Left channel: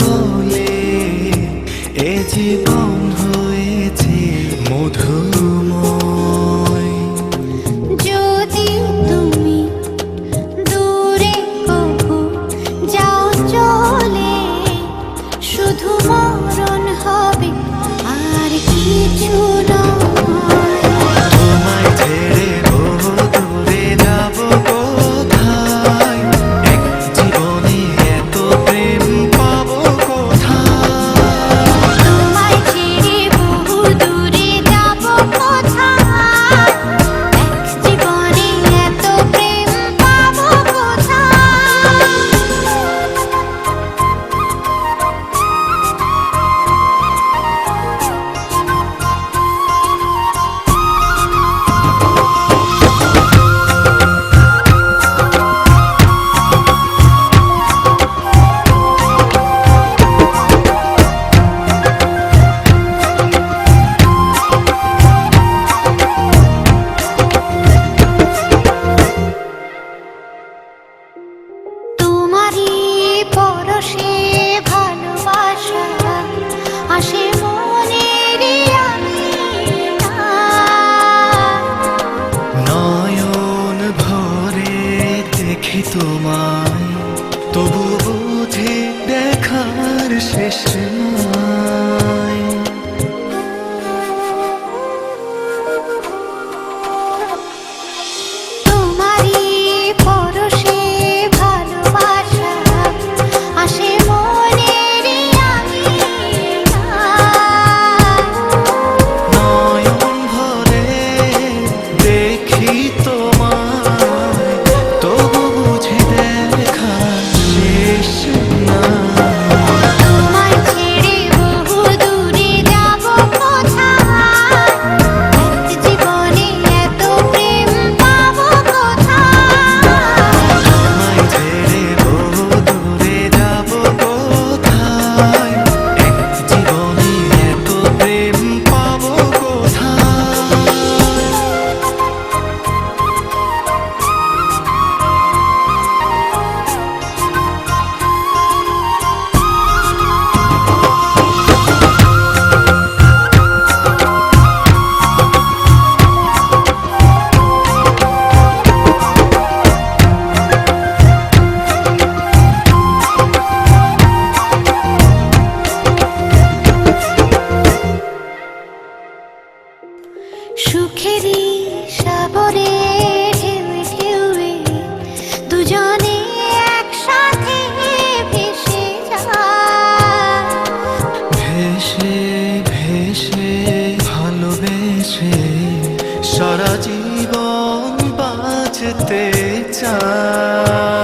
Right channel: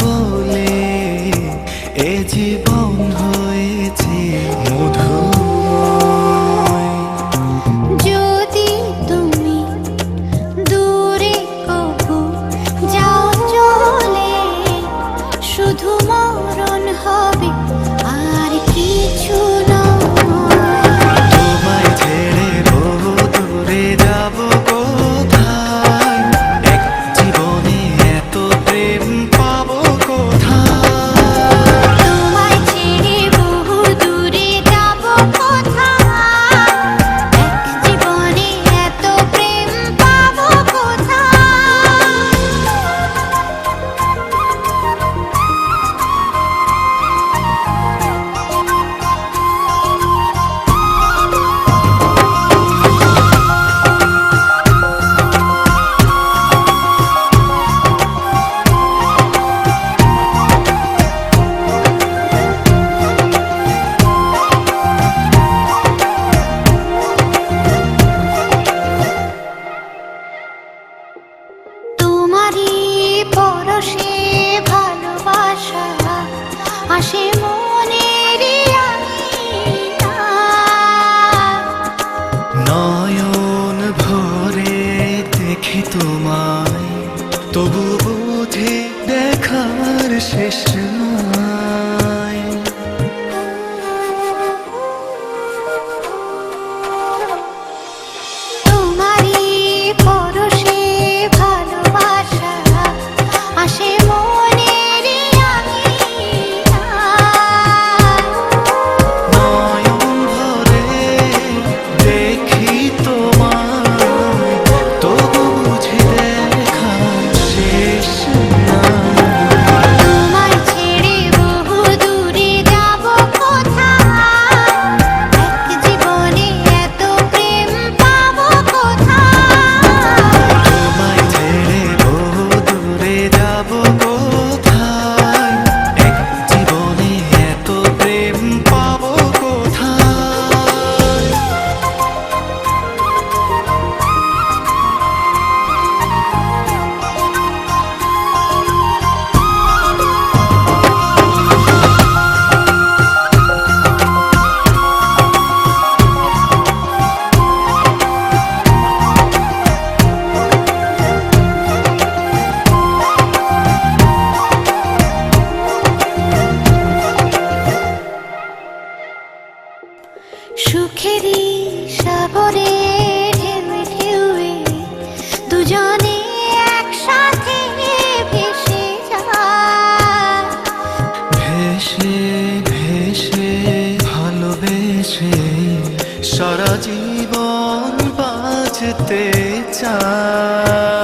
বলে এ জীবন হয়েছে মধুময়। যদি তুমি দূরে কবু যাও চলে, শুধু মরণ হবে আর কিছু নয়। তোমায় ছেড়ে বহু দূরে যাব কোথায়, এক জীবনে এত প্রেম পাবো কোথায়। তোমায় ছেড়ে বহু দূরে যাব কোথায়, এক জীবনে এত প্রেম পাবো কোথায়। তোমারই পরশে ভালোবাসা আসে মনের নয়ন ভরে দেখি তোমায়, তবু বুঝি দেখার শেষ নাই। তোমারই পরশে ভালোবাসা আসে মনের নয়ন ভরে দেখি তোমায়, তবু বুঝি দেখার শেষ নাই। তোমায় ছেড়ে বহু দূরে যাব কোথায়, এক জীবনে এত প্রেম পাবো কোথায়। তোমায় ছেড়ে বহু দূরে যাব কোথায়, এক জীবনে এত প্রেম পাবো কোথায়। সুখেরই সাগরে ঢেউয়ে ঢেউয়ে দুজনে একসাথে ভেসে যায়। ভেসে ভেসে ভালোবেসে সারা জীবন বাঁচতে চাই।